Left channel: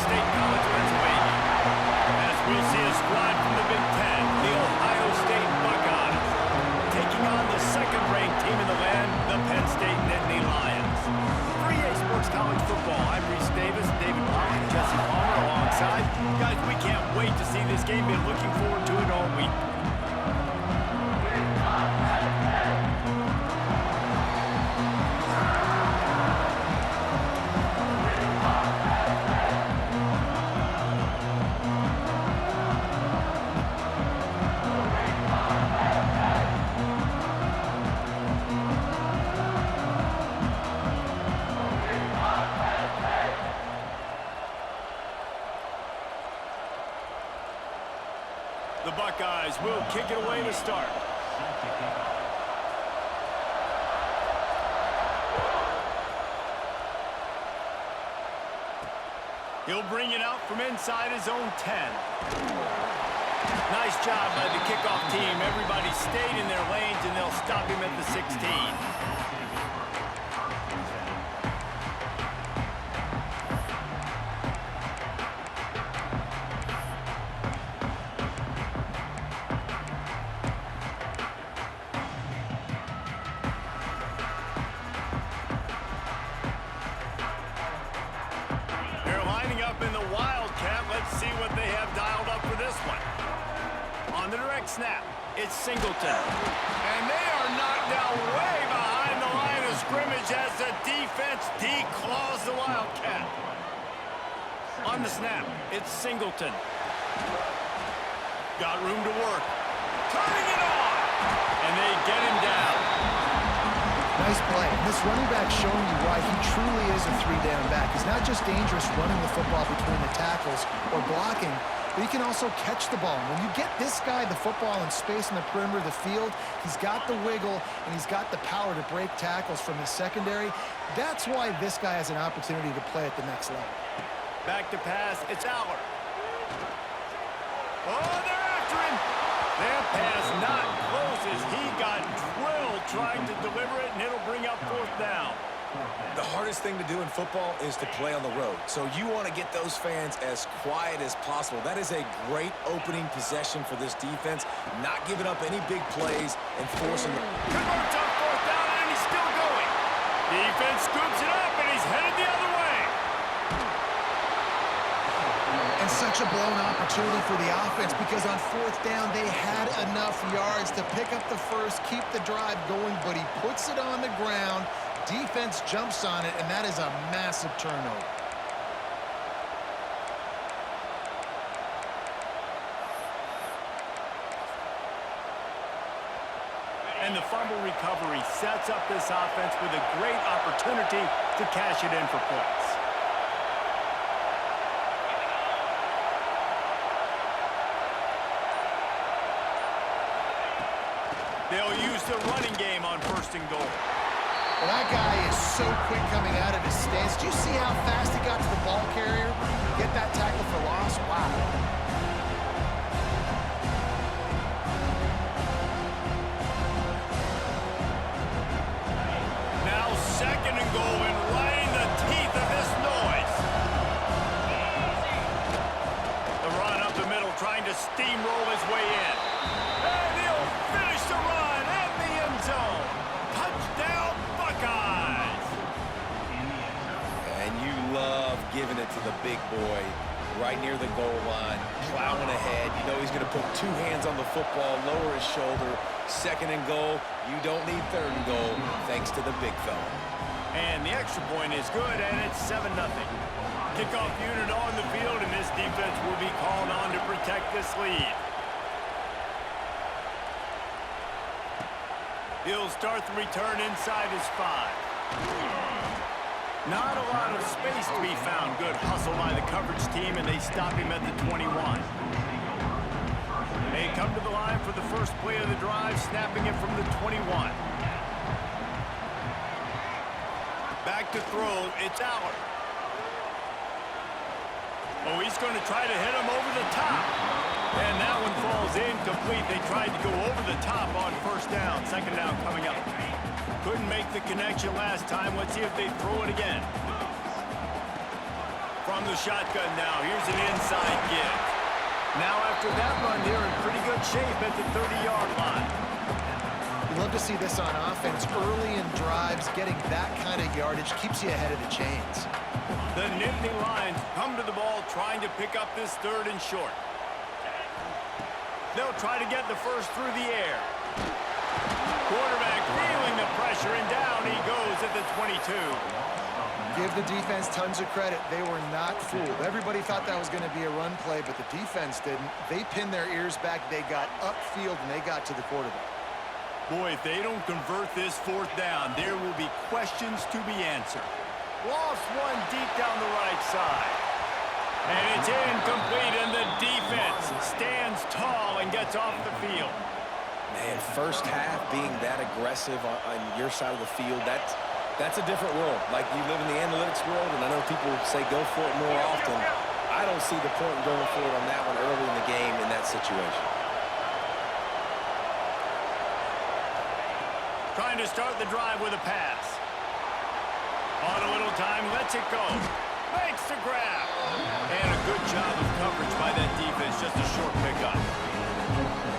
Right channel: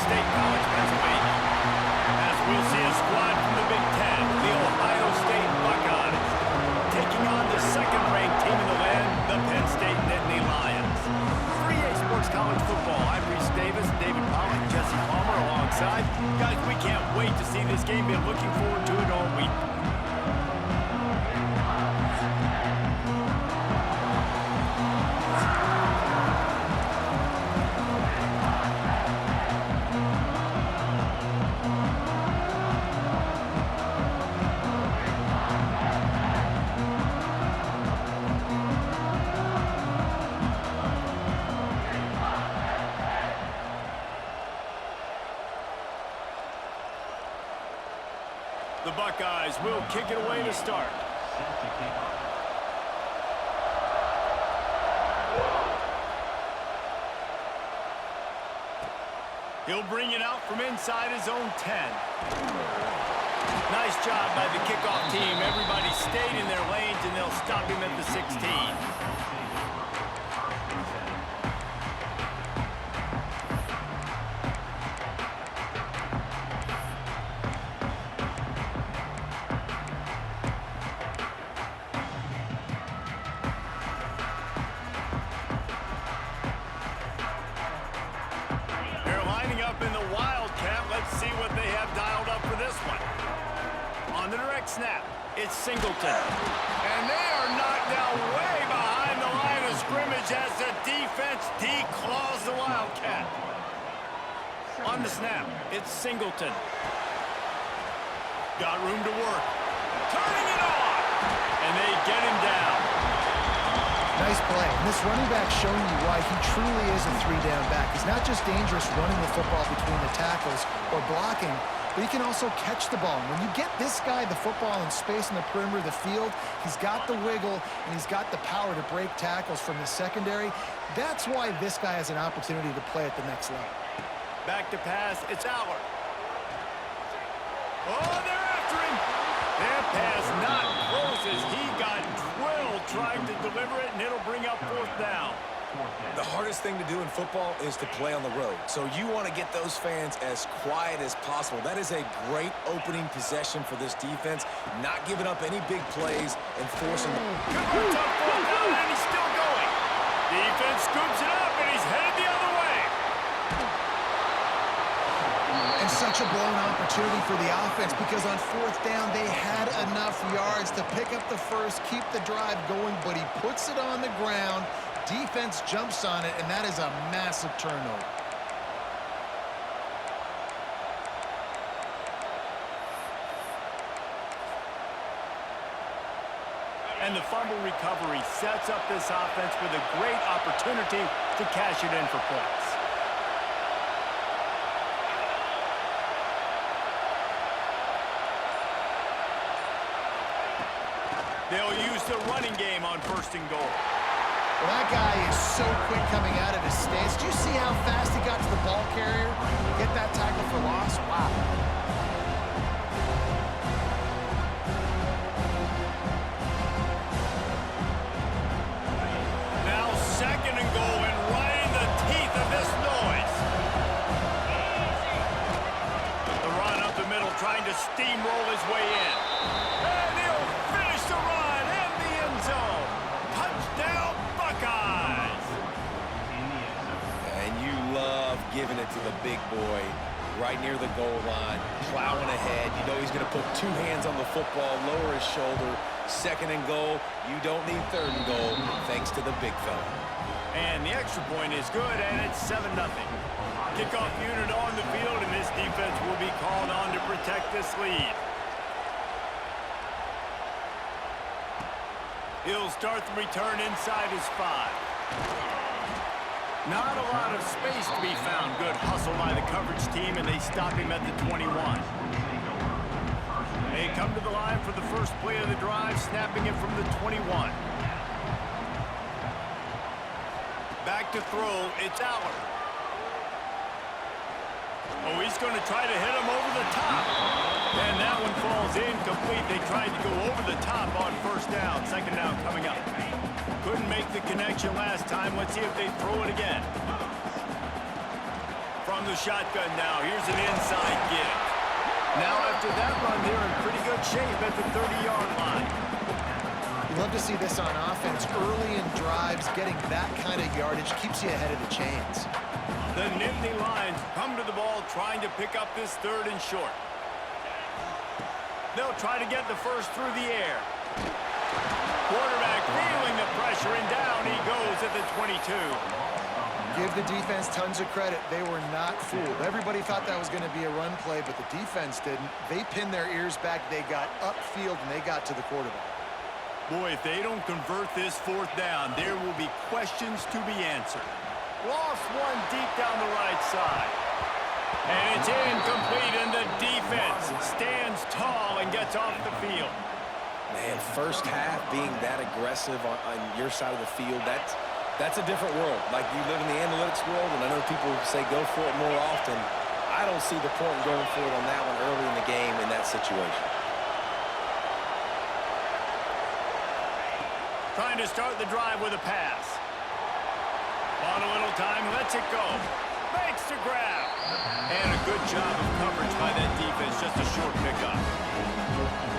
State College, Pennsylvania. As we'll see a squad from the Big Ten, the Ohio State Buckeyes, taking on the second-ranked team in the land, the Penn State Nittany Lions. For EA Sports College Football, I'm Reese Davis, David Pollock, Jesse Palmer alongside. Guys, we can't wait to see this game. Been looking forward to it all week. The Buckeyes will kick it away to start. He'll bring it out from inside his own 10. Nice job by the kickoff team. Everybody stayed in their lanes, and they'll stop him at the 16. In the Wildcat, let's see what they have dialed up for this one. On the direct snap, it's Singleton. And they are knocked down way behind the line of scrimmage as the defense declaws the Wildcat. On the snap, it's Singleton. Got room to work. Turning it on! And they get him down. Nice play. And this running back showing you why he truly is a three-down back. He's not just dangerous running the football between the tackles or blocking, but he can also catch the ball. And when you get this guy the football in space in the perimeter of the field, he's got the wiggle and he's got the power to break tackles from the secondary. That's why this guy has an opportunity to play at the next level. Back to pass, it's Aller. Oh, they're after him. That pass not close as he got drilled trying to deliver it, and it'll bring up fourth down. The hardest thing to do in football is to play on the road. So you want to get those fans as quiet as possible. That is a great opening possession for this defense, not giving up any big plays and forcing them. Converts on fourth down, and he's still going. Defense scoops it up, and he's headed the other way. And such a blown opportunity for the offense because on fourth down, they had enough yards to pick up the first, keep the drive going, but he puts it on the ground. Defense jumps on it, and that is a massive turnover. And the fumble recovery sets up this offense with a great opportunity to cash it in for points. They'll use the running game on first and goal. Well, that guy is so quick coming out of his stance. Do you see how fast he got to the ball carrier? Get that tackle for loss? Wow. Now second and goal and right in the teeth of this noise. The run up the middle trying to steamroll his way in. And he'll finish the run in the end zone. Touchdown, Buckeyes! And you love giving it to the big boy right near the goal line, plowing ahead. You know he's going to put two hands on the football, lower his shoulder. Second and goal, you don't need third and goal, thanks to the big fella. And the extra point is good, and it's 7-0. Kickoff unit on the field, and this defense will be called on to protect this lead. He'll start the return inside his 5. Not a lot of space to be found. Good hustle by the coverage team, and they stop him at the 21. They come to the line for the first play of the drive, snapping it from the 21. Back to throw, it's Aller. Oh, he's going to try to hit him over the top. And that one falls incomplete. They tried to go over the top on first down. Second down coming up. Couldn't make the connection last time. Let's see if they throw it again. From the shotgun now, here's an inside give. Now after that run, they're in pretty good shape at the 30-yard line. You love to see this on offense. Early in drives, getting that kind of yardage keeps you ahead of the chains. The Nittany Lions come to the ball trying to pick up this 3rd and short. They'll try to get the first through the air. Quarterback feeling the pressure, and down he goes at the 22. Give the defense tons of credit. They were not fooled. Everybody thought that was going to be a run play, but the defense didn't. They pinned their ears back. They got upfield, and they got to the quarterback. Boy, if they don't convert this 4th down, there will be questions to be answered. Lost one deep down the right side. And it's incomplete, and the defense stands tall and gets off the field. Man, first half being that aggressive on your side of the field, that's a different world. Like, you live in the analytics world, and I know people say go for it more often. I don't see the point in going for it on that one early in the game in that situation. Trying to start the drive with a pass. On a little time, lets it go. Makes the grab. And a good job of coverage by that defense, just a short pickup.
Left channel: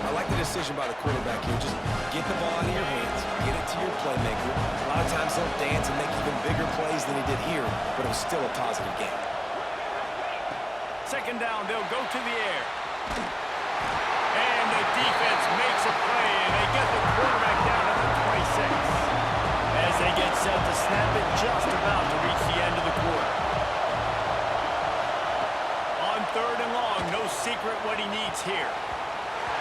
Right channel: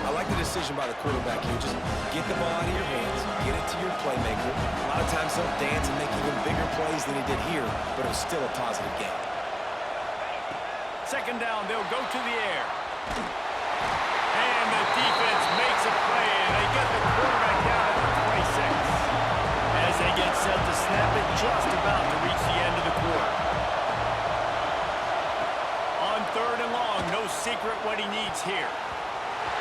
I like the decision by the quarterback here. Just get the ball out of your hands, get it to your playmaker. A lot of times he'll dance and make even bigger plays than he did here, but it was still a positive game. 2nd down, they'll go to the air. And the defense makes a play, and they get the quarterback down at the 26. As they get set to snap it, just about to reach the end of the quarter. On 3rd and long, no secret what he needs here.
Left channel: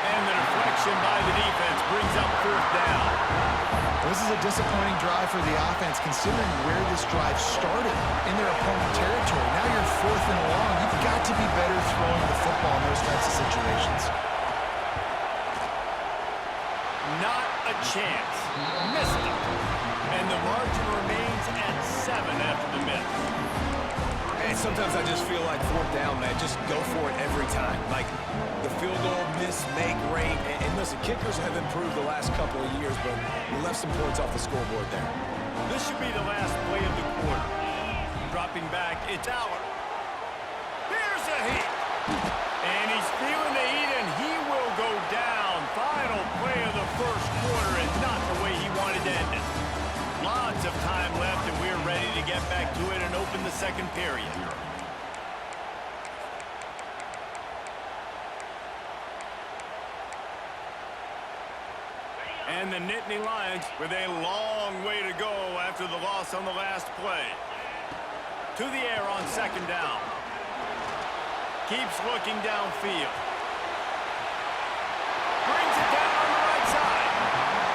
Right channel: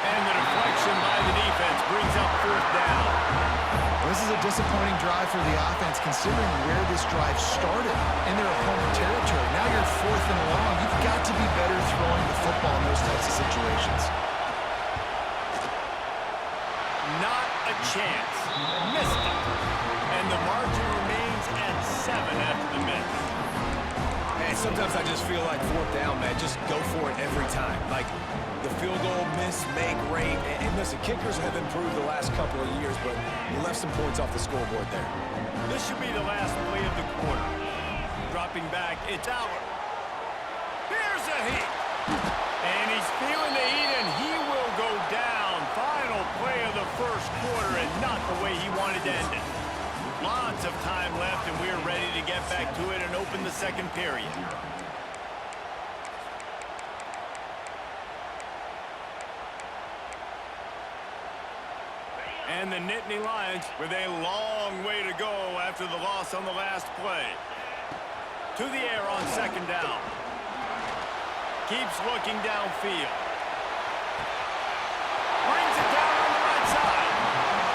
And the deflection by the defense brings up 4th down. Well, this is a disappointing drive for the offense, considering where this drive started in their opponent territory. Now you're 4th and long. You've got to be better throwing the football in those types of situations. Not a chance. Missed it. And the margin remains at 7 after the miss. Man, sometimes I just feel like 4th down, man. Just go for it every time. Like, the field goal miss, make rate. And listen, kickers have improved the last couple of years, but you left some points off the scoreboard there. This should be the last play of the quarter. Dropping back, it's Aller. Here's a heat. And he's feeling the heat, and he will go down. Final play of the 1st quarter, and not the way he wanted to end it. Lots of time left, and we're ready to get back to it and open the 2nd period. And the Nittany Lions with a long way to go after the loss on the last play. To the air on 2nd down. Keeps looking downfield. Brings it down on the right side.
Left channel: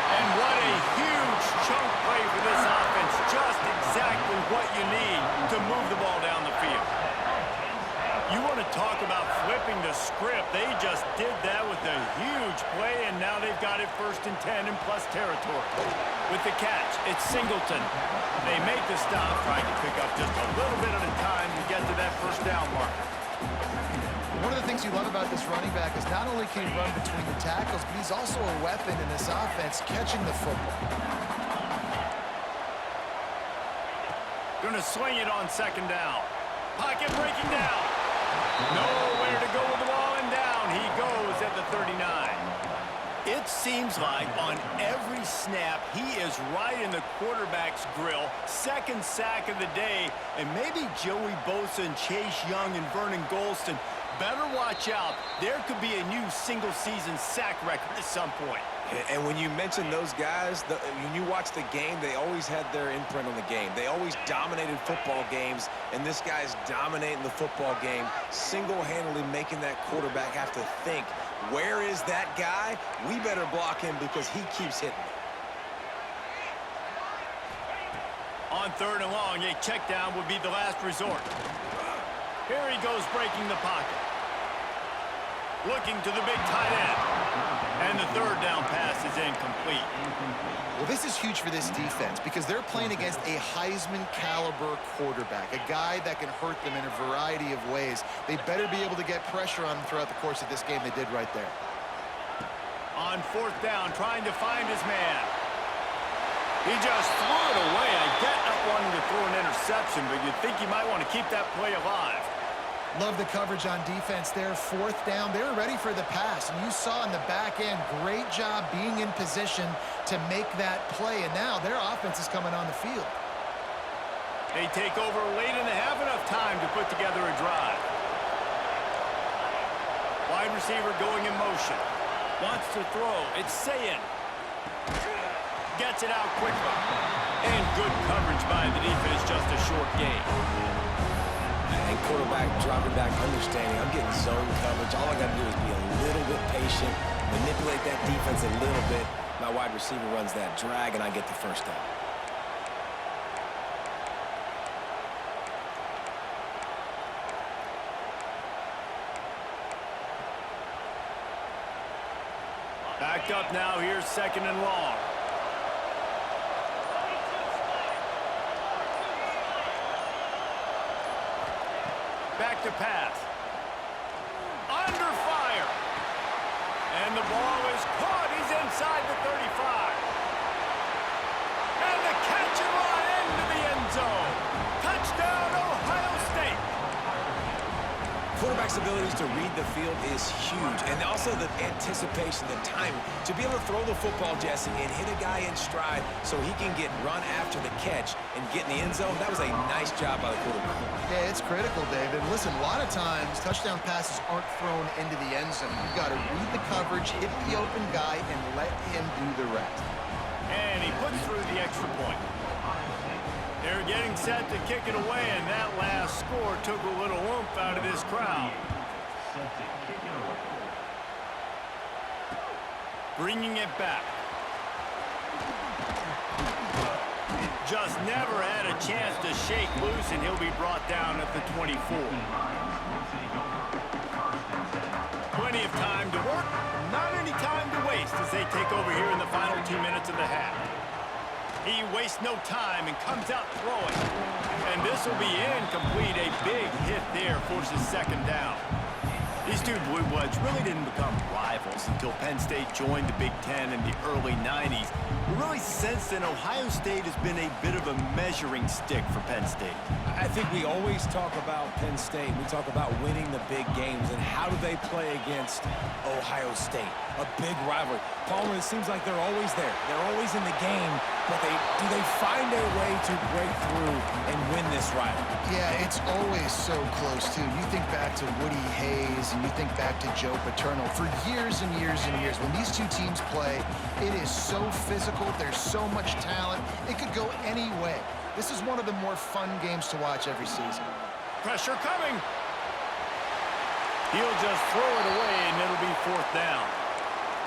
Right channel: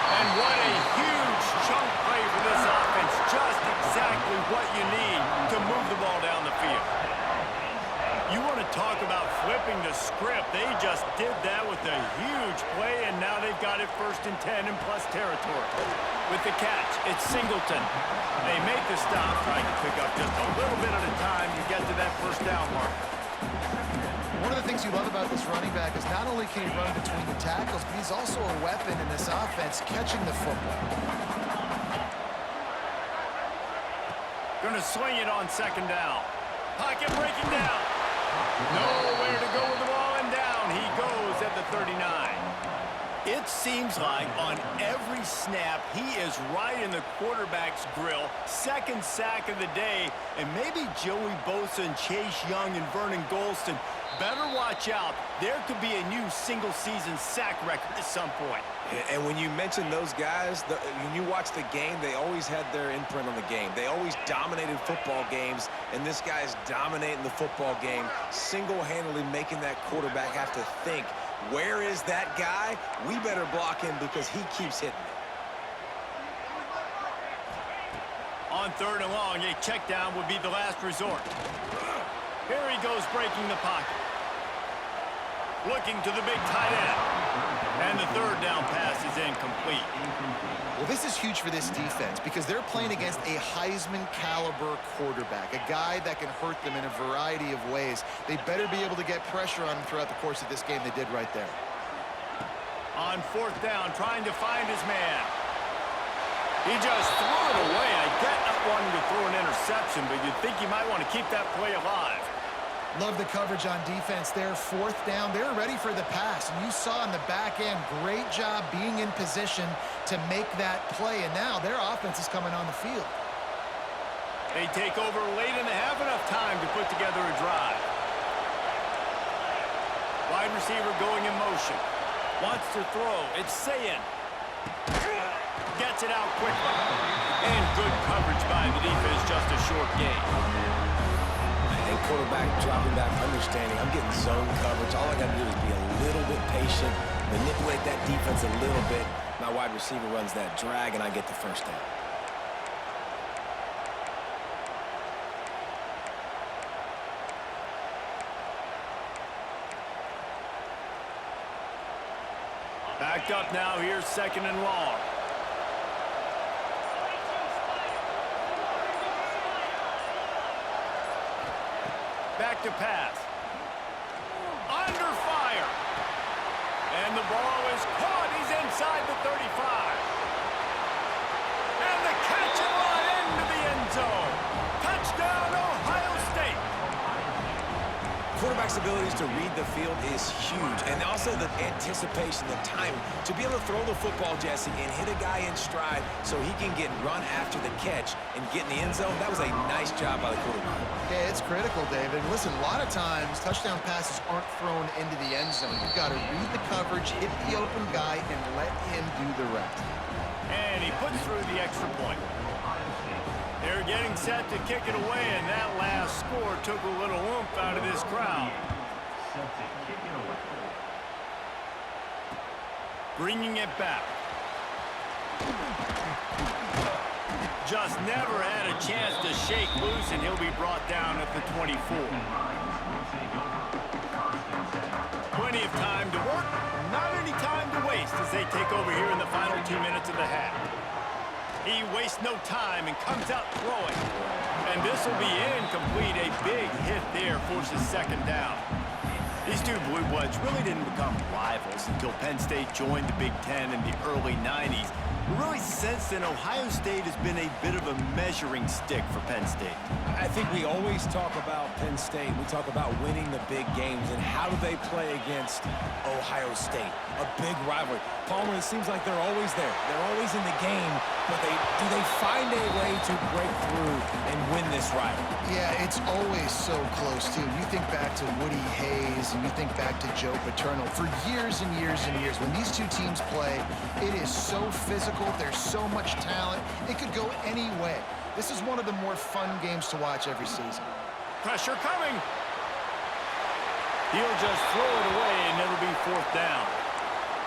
And what a huge chunk play for this offense. Just exactly what you need to move the ball down the field. You want to talk about flipping the script. They just did that with a huge play, and now they've got it 1st and 10 in plus territory. With the catch, it's Singleton. They make the stop, trying to pick up just a little bit at a time to get to that 1st down marker. One of the things you love about this running back is not only can he run between the tackles, but he's also a weapon in this offense, catching the football. Gonna swing it on 2nd down. Pocket breaking down. Nowhere to go with the ball, and down he goes at the 39. It seems like on every snap, he is right in the quarterback's grill. 2nd sack of the day, and maybe Joey Bosa and Chase Young and Vernon Golston better watch out. There could be a new single-season sack record at some point. And when you mention those guys, when you watch the game, they always had their imprint on the game. They always dominated football games, and this guy's dominating the football game, single-handedly making that quarterback have to think, where is that guy? We better block him because he keeps hitting me. On 3rd and long, a check down would be the last resort. Here he goes breaking the pocket. Looking to the big tight end. And the 3rd down pass is incomplete. Well, this is huge for this defense because they're playing against a Heisman-caliber quarterback, a guy that can hurt them in a variety of ways. They better be able to get pressure on him throughout the course of this game. They did right there. On 4th down, trying to find his man. He just threw it away. I get not wanting to throw an interception, but you'd think you might want to keep that play alive. Love the coverage on defense there. 4th down. They were ready for the pass. And you saw in the back end, great job being in position to make that play. And now their offense is coming on the field. They take over late in the half, enough time to put together a drive. Wide receiver going in motion. Wants to throw. It's Sayin. Gets it out quickly. And good coverage by the defense, just a short gain. And quarterback dropping back, understanding I'm getting zone coverage. All I got to do is be a little bit patient, manipulate that defense a little bit. My wide receiver runs that drag, and I get the first down. Backed up now, here's 2nd and long. Back to pass. Under fire. And the ball is caught. He's inside the 35. And the catch and run into the end zone. Touchdown, Ohio State. Quarterback's abilities to read the field is huge, and also the anticipation, the timing. To be able to throw the football, Jesse, and hit a guy in stride so he can get run after the catch and get in the end zone, that was a nice job by the quarterback. Yeah, it's critical, David. Listen, a lot of times touchdown passes aren't thrown into the end zone. You've got to read the coverage, hit the open guy, and let him do the rest. And he puts through the extra point. They're getting set to kick it away, and that last score took a little oomph out of this crowd. Bringing it back. Just never had a chance to shake loose, and he'll be brought down at the 24. Plenty of time to work, not any time to waste as they take over here in the final 2 minutes of the half. He wastes no time and comes out throwing. And this will be incomplete. A big hit there forces 2nd down. These two Blue Bloods really didn't become rivals until Penn State joined the Big Ten in the early 90s. But really, since then, Ohio State has been a bit of a measuring stick for Penn State. I think we always talk about Penn State. We talk about winning the big games, and how do they play against Ohio State? A big rivalry. Palmer, it seems like they're always there. They're always in the game, but do they find a way to break through and win this rivalry? Yeah, it's always so close, too. You think back to Woody Hayes, and you think back to Joe Paterno. For years and years and years, when these two teams play, it is so physical. There's so much talent. It could go any way. This is one of the more fun games to watch every season. Pressure coming. He'll just throw it away, and it'll be 4th down.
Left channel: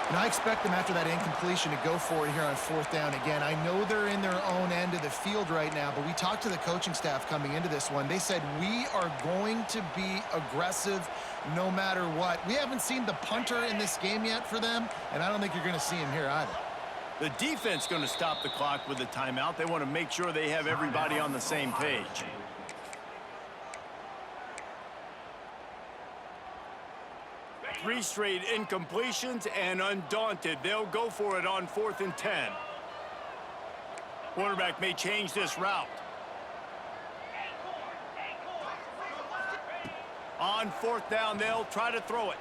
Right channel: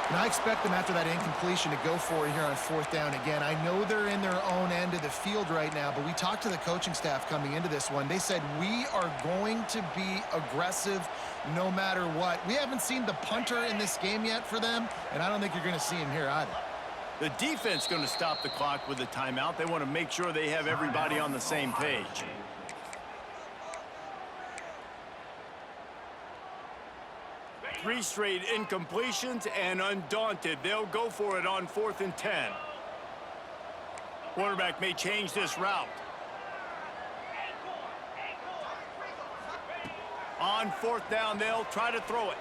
And I expect them after that incompletion to go for it here on 4th down again. I know they're in their own end of the field right now, but we talked to the coaching staff coming into this one. They said, we are going to be aggressive no matter what. We haven't seen the punter in this game yet for them, and I don't think you're going to see him here either. The defense going to stop the clock with a timeout. They want to make sure they have everybody on the same page. Three straight incompletions, and undaunted, they'll go for it on 4th and 10. Quarterback may change this route. On 4th down, they'll try to throw it.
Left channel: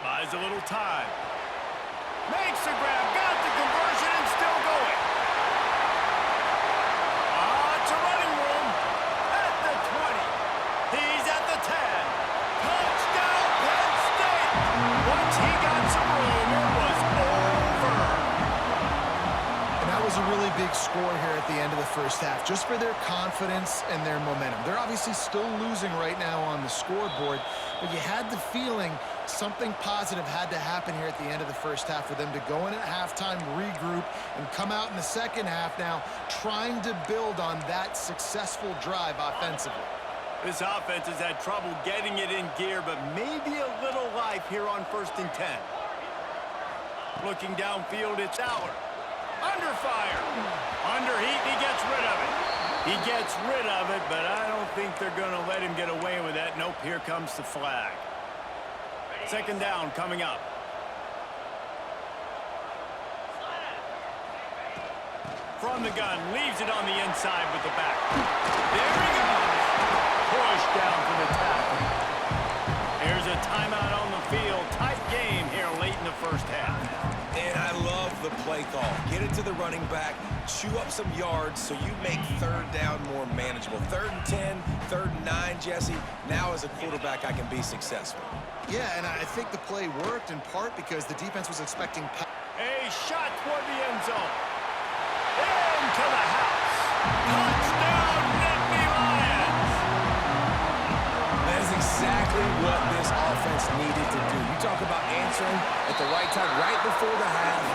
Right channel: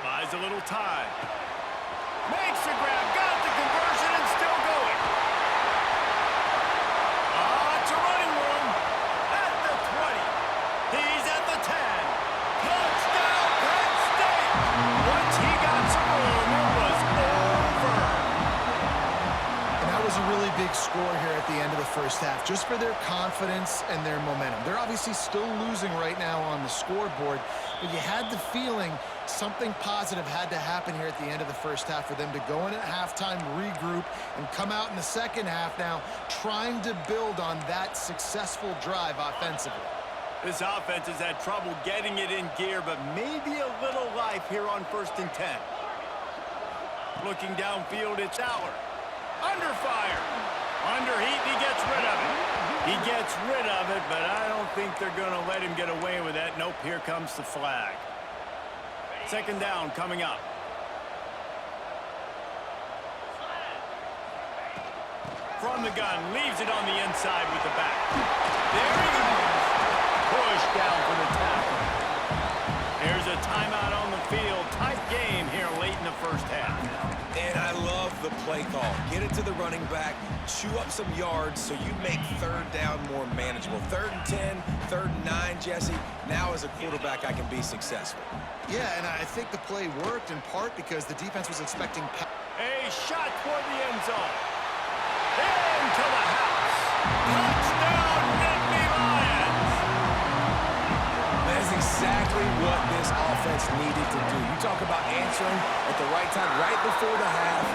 Buys a little time. Makes the grab, got the conversion, and still going. It's a running room at the 20. He's at the 10. Touchdown, Penn State! Once he got some room, it was over. And that was a really big score here at the end of the first half, just for their confidence and their momentum. They're obviously still losing right now on the scoreboard, but you had the feeling something positive had to happen here at the end of the first half for them to go in at halftime, regroup, and come out in the second half now trying to build on that successful drive offensively. This offense has had trouble getting it in gear, but maybe a little life here on 1st and 10. Looking downfield, it's Aller. Under fire. Under heat, and he gets rid of it. He gets rid of it, but I don't think they're going to let him get away with that. Nope, here comes the flag. 2nd down coming up. From the gun, leaves it on the inside with the back. There he goes. Pushed down for the tackle. Here's a timeout on the field. Tight game here late in the first half. And I love the play call. Get it to the running back, chew up some yards so you make third down more manageable. 3rd and 10, 3rd and 9, Jesse. Now as a quarterback, I can be successful. Yeah, and I think the play worked in part because the defense was expecting... A shot toward the end zone. Into the house. Touchdown, Nittany Lions! That is exactly what this offense needed to do. You talk about answering at the right time, right before the half,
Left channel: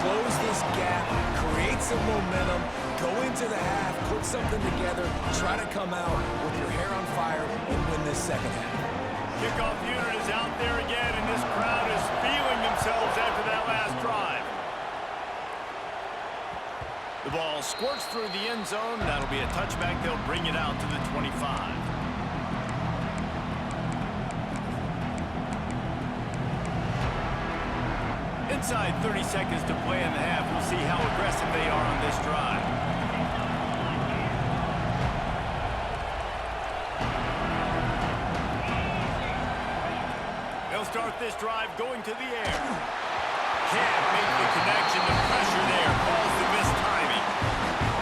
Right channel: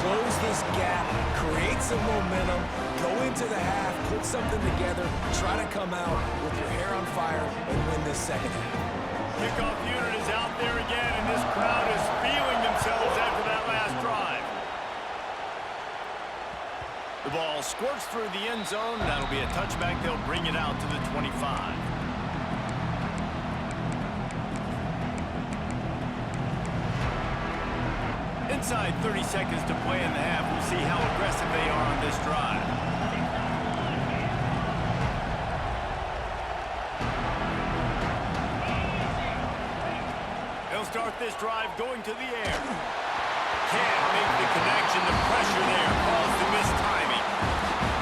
close this gap, create some momentum, go into the half, put something together, try to come out with your hair on fire and win this second half. Kickoff unit is out there again, and this crowd is feeling themselves after that last drive. The ball squirts through the end zone. That'll be a touchback. They'll bring it out to the 25. Inside 30 seconds to play in the half. We'll see how aggressive they are on this drive. They'll start this drive going to the air. Can't make the connection. The pressure there caused the mistiming.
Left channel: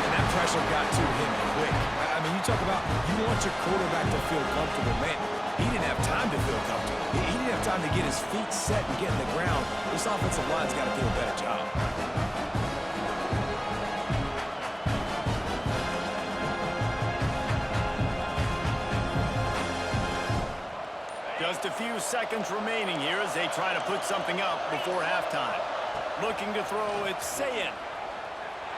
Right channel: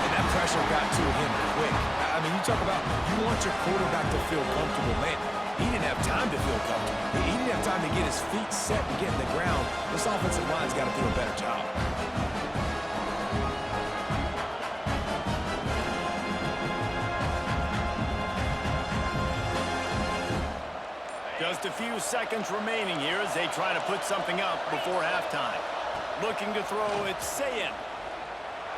And that pressure got to him quick. I mean, you talk about you want your quarterback to feel comfortable. Man, he didn't have time to feel comfortable. He didn't have time to get his feet set and get in the ground. This offensive line's got to do a better job. Just a few seconds remaining here as they try to put something up before halftime. Looking to throw, it's Sayin.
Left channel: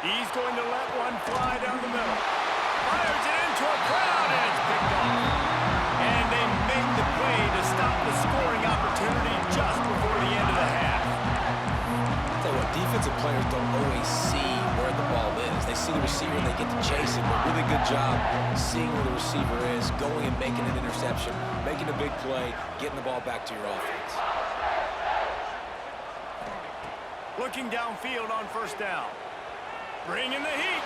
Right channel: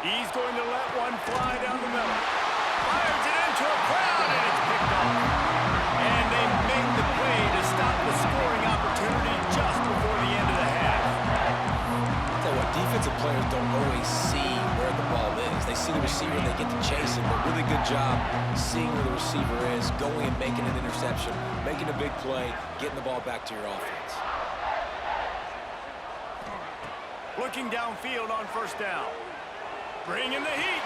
He's going to let one fly down the middle. Fires it into a crowd, and it's picked off. And they make the play to stop the scoring opportunity just before the end of the half. Tell you what, defensive players don't always see where the ball is. They see the receiver and they get to chase it, but really good job seeing where the receiver is, going and making an interception, making a big play, getting the ball back to your offense. Looking downfield on first down. Bringing the heat.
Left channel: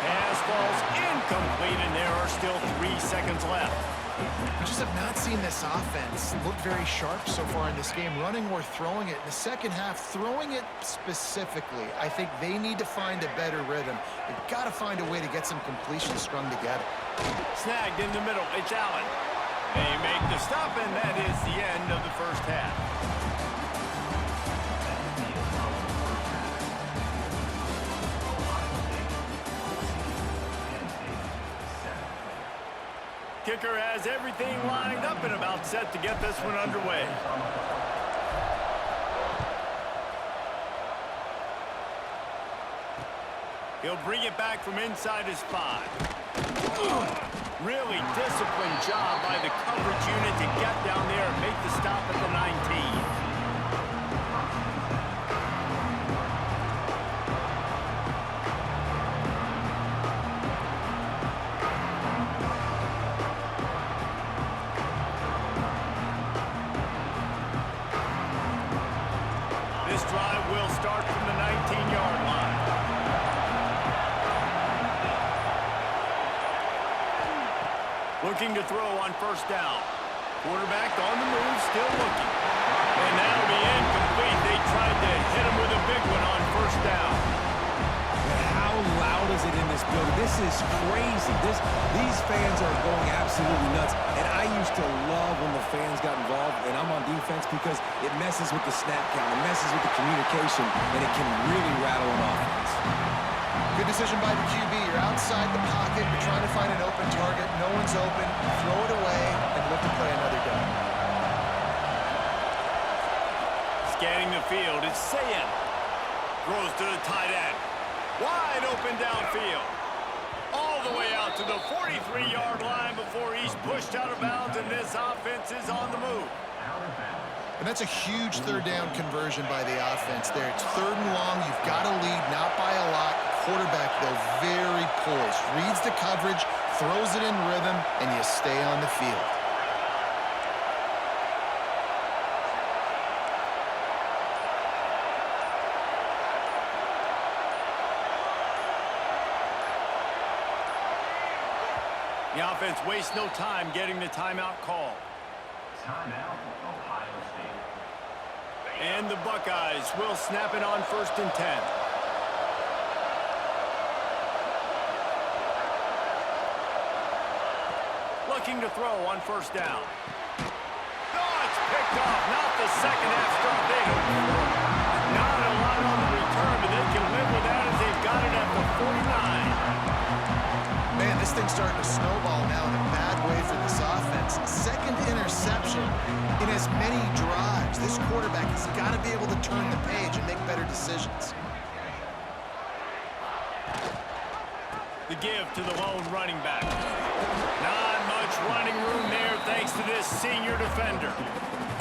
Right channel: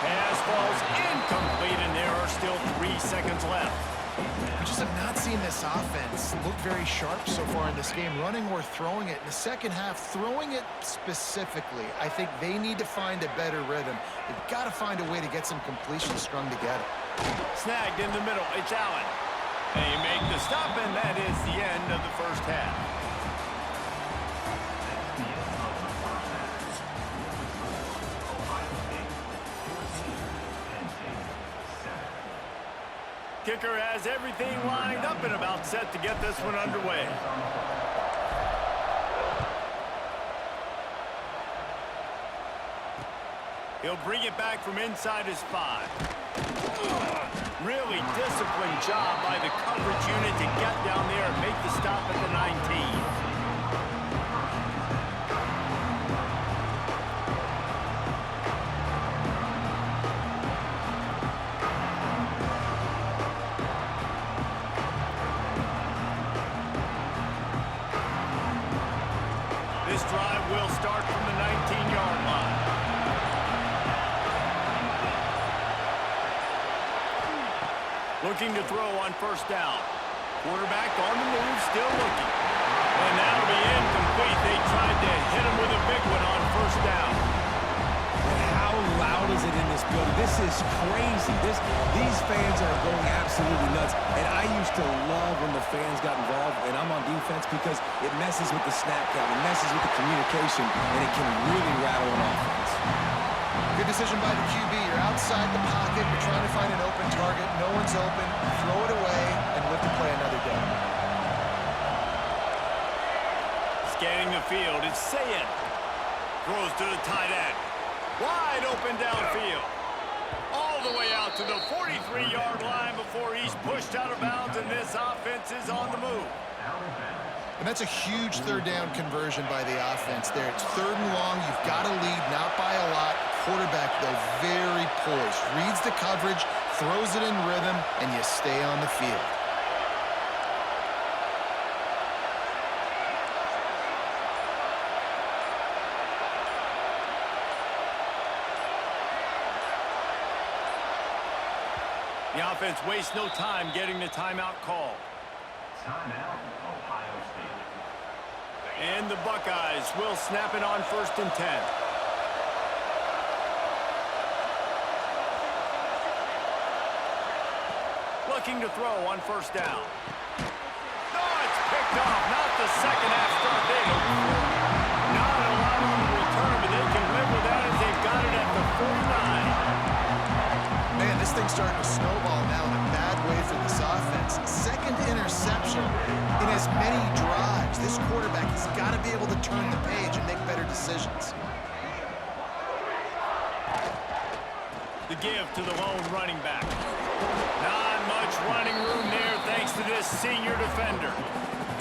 Pass falls incomplete, and there are still 3 seconds left. We just have not seen this offense look very sharp so far in this game, running or throwing it. In the second half, throwing it specifically, I think they need to find a better rhythm. They've got to find a way to get some completions strung together. Snagged in the middle, it's Allen. They make the stop, and that is the end of the first half. Kicker has everything lined up and about set to get this one underway. He'll bring it back from inside his 5. Really disciplined job by the coverage unit to get down there and make the stop at the 19. This drive will start from the 19-yard line. Looking to throw on first down. Quarterback on the move, still looking. And that'll be incomplete. They tried to hit him with a big one on first down. And how loud is it in this building? This is crazy. These fans are going absolutely nuts. And I used to love when the fans got involved, and I'm on defense because it messes with the snap count, it messes with the communication, and it can really rattle an offense. Good decision by the QB. You're outside the pocket. You're trying to find an open target. No one's open. Throw it away and live to play another down. Scanning the field, it's Sayin. Throws to the tight end. Wide open downfield. All the way out to the 43-yard line before he's pushed out of bounds, and this offense is on the move. And that's a huge third down conversion by the offense there. It's 3rd and long. You've got to lead, not by a lot. Quarterback, though, very poised. Reads the coverage, throws it in rhythm, and you stay on the field. The offense wastes no time getting the timeout called. Timeout, Ohio State. And the Buckeyes will snap it on 1st and 10. Looking to throw on 1st down. Oh, it's picked off. Not the second half start they hoped for. Not a lot on the return, but they can live with that as they've got it at the 49. Man, this thing's starting to snowball now in a bad way for this offense. Second interception in as many drives. This quarterback has got to be able to turn the page and make better decisions. The give to the lone running back. Not much running room there thanks to this senior defender.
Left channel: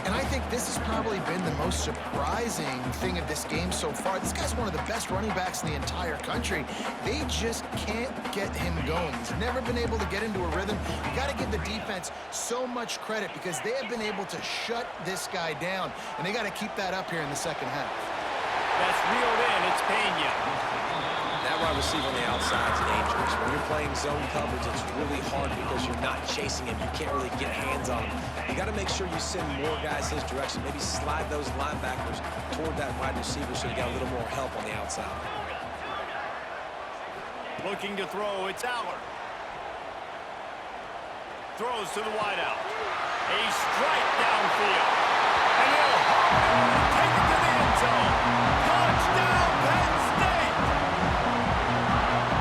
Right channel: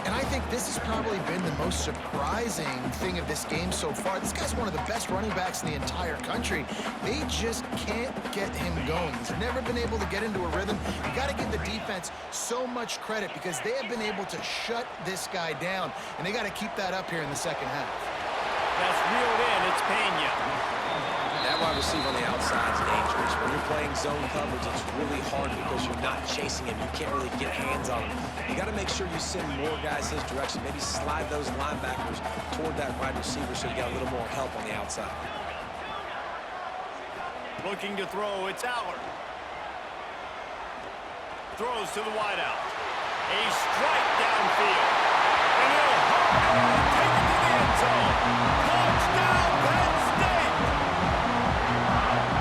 And I think this has probably been the most surprising thing of this game so far. This guy's one of the best running backs in the entire country. They just can't get him going. He's never been able to get into a rhythm. You got to give the defense so much credit because they have been able to shut this guy down, and they got to keep that up here in the second half. That's reeled in. It's Pena. That wide receiver on the outside is dangerous. When you're playing zone coverage, it's really hard because you're not chasing him. You can't really get hands on him. You got to make sure you send more guys his direction. Maybe slide those linebackers toward that wide receiver so you got a little more help on the outside. Looking to throw, it's Allard. Throws to the wideout. A strike downfield. And he'll hop it and take it to the end zone. Touchdown, Penn State!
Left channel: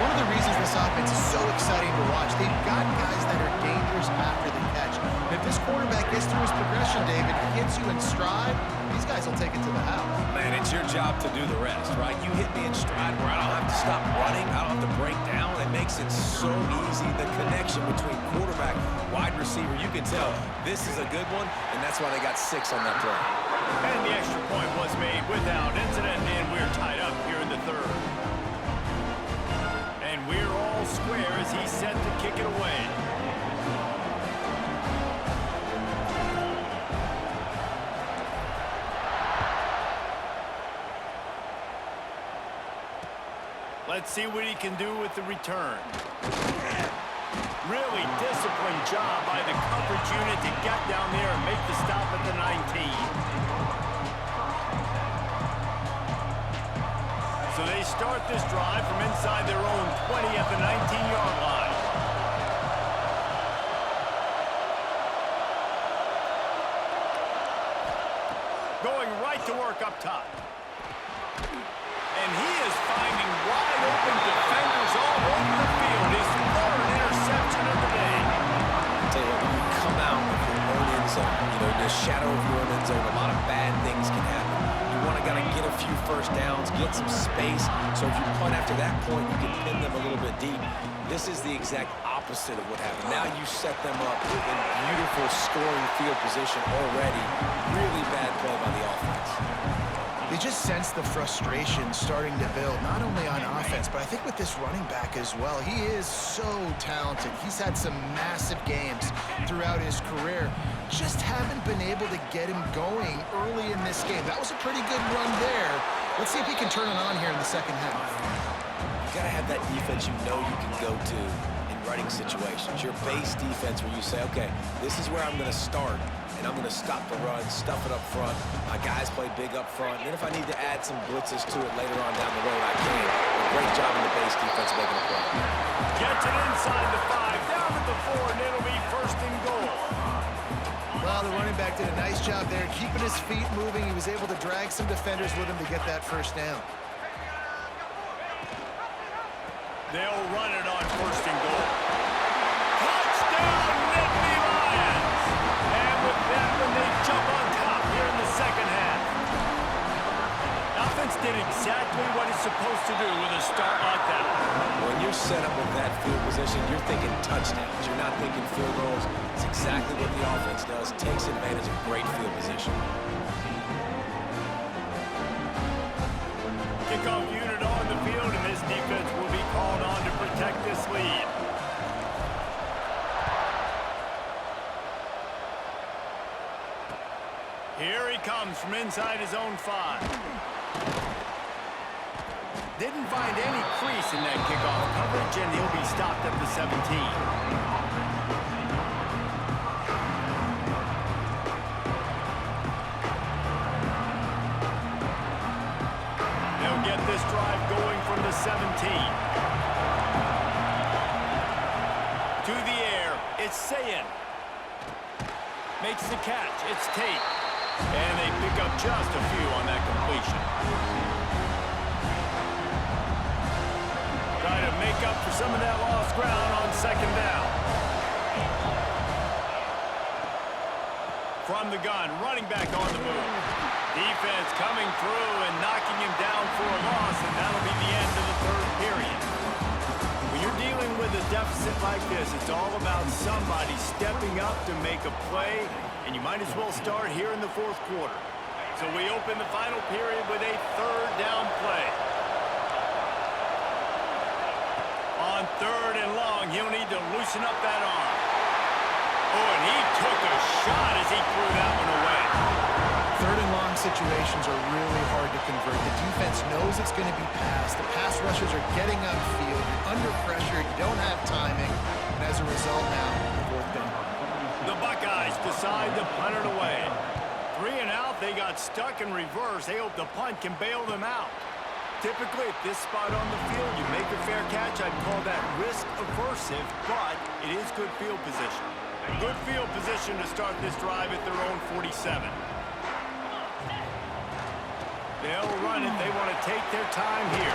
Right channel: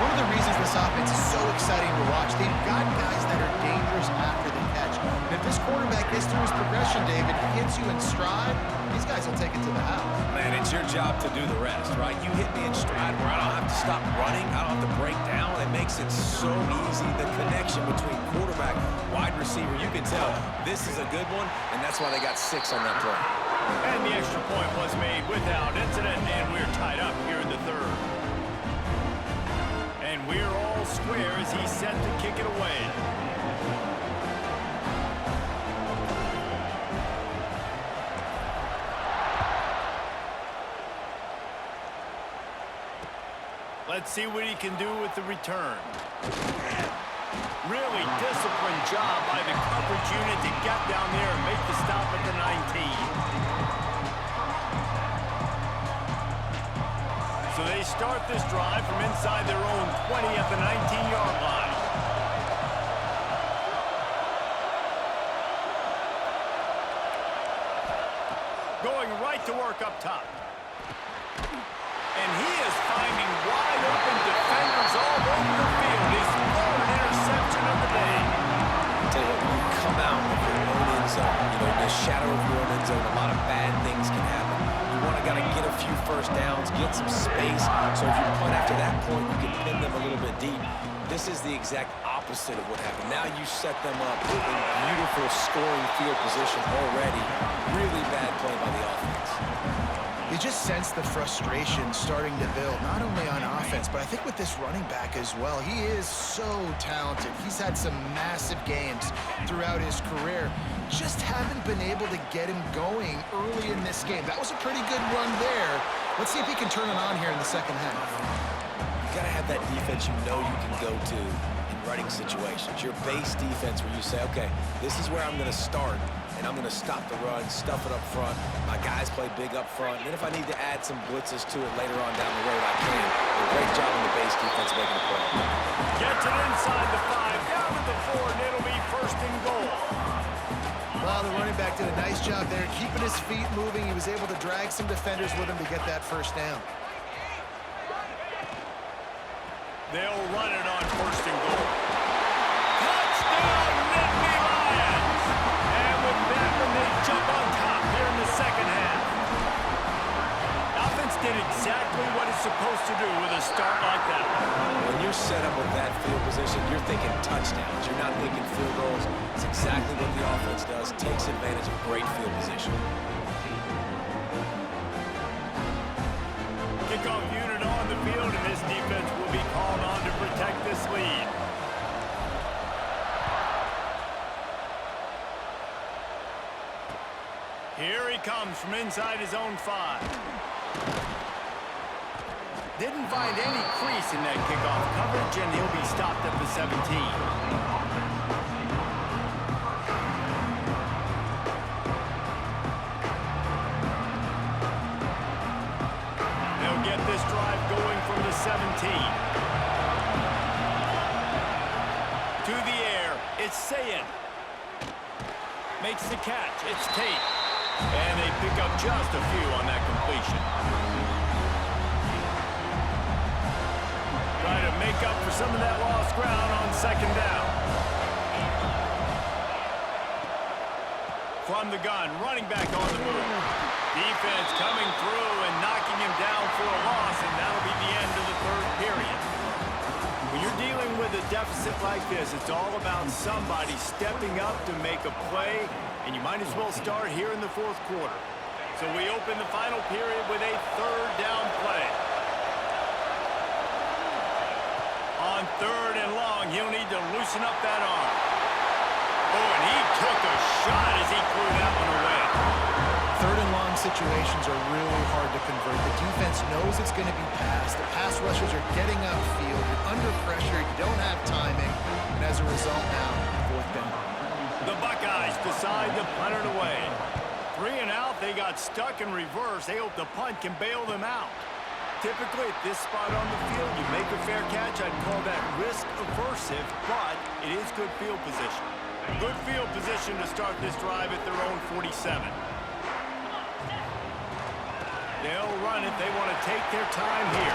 One of the reasons this offense is so exciting to watch, they've got guys that are dangerous after the catch. And if this quarterback gets through his progression, David, hits you in stride, these guys will take it to the house. Man, it's your job to do the rest, right? You hit me in stride where I don't have to stop running. I don't have to break down. It makes it so easy. The connection between quarterback, wide receiver, you can tell this is a good one, and that's why they got 6 on that play. And the extra point was made without incident, and we're tied up here in the 3rd. And we're all square as he's set to kick it away. Let's see what he can do with the return. Really disciplined job by the coverage unit to get down there and make the stop at the 19. So they start this drive from inside their own 20 at the 19-yard line. Going right to work up top. And he is finding wide open defenders all over the field. His 3rd interception of the day. I'll tell you what, when you come out of your own end zone, in the shadow of your own end zone, a lot of bad things can happen. You want to get a few first downs, get some space. So if you punt after that point, you can pin them a little bit deep. This is the exact opposite of what happened. Now you set them up in beautiful scoring field position already. Really bad play by the offense. You just sense the frustration starting to build, not only on offense, but I think with this running back as well. He is so talented. He's had some massive games throughout his career. Just haven't been able to get him going early in this game. That was a pretty good run there. Let's see if he can turn it on here in the second half. You got to have that defense you know you can go to in running situations. Your base defense where you say, okay, this is where I'm going to start. And I'm going to stop the run, stuff it up front. My guys play big up front. And then if I need to add some blitzes to it later on down the road, I can. A great job in the base defense making a play. Gets it inside the 5, down to the 4, and it'll be 1st and goal. Well, the running back did a nice job there, keeping his feet moving. He was able to drag some defenders with him to get that 1st down. They'll run it on 1st and goal. Touchdown, Nittany Lions! And with that one, they jump on top here in the second half. Offense did exactly what it's supposed to do with a start like that. When you're set up with that field position, you're thinking touchdowns. You're not thinking field goals. It's exactly what the offense does. Takes advantage of great field position. Kickoff unit on the field, and this defense will be called on to protect this lead. Here he comes from inside his own 5. Didn't find any crease in that kickoff coverage, and he'll be stopped at the 17. Get this drive going from the 17. To the air, it's Sayin. Makes the catch, it's Tate. And they pick up just a few on that completion. Try to make up for some of that lost ground on second down. From the gun, running back on the move. Defense coming through and knocking him down for a loss, and that'll be the end of the third period. When you're dealing with a deficit like this, it's all about somebody stepping up to make a play, and you might as well start here in the fourth quarter. So we open the final period with a third down play. On third and long, he'll need to loosen up that arm. Oh, and he took a shot as he threw that one away. Third and long situations are really hard to convert. The defense knows it's going to be passed. The pass rushers are getting upfield. You're under pressure. You don't have timing. And as a result now, fourth down. The Buckeyes decide to punt it away. 3 and out, they got stuck in reverse. They hope the punt can bail them out. Typically, at this spot on the field, you make a fair catch. I'd call that risk-aversive, but it is good field position. Good field position to start this drive at their own 47. They'll run it. They want to take their time here.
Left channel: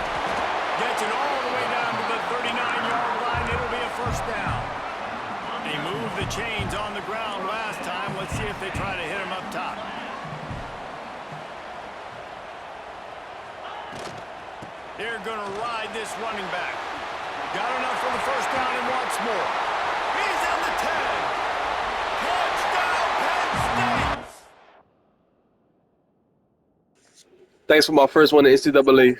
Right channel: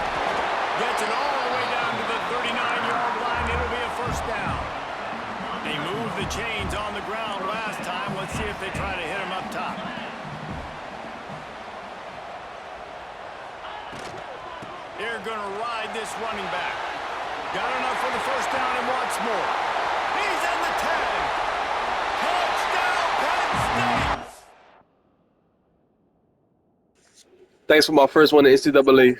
Gets it all the way down to the 39-yard line. It'll be a first down. They moved the chains on the ground last time. Let's see if they try to hit him up top. They're going to ride this running back. Got enough for the first down and wants more. He's on the 10. Touchdown, Penn State! Thanks for my first one in NCAA.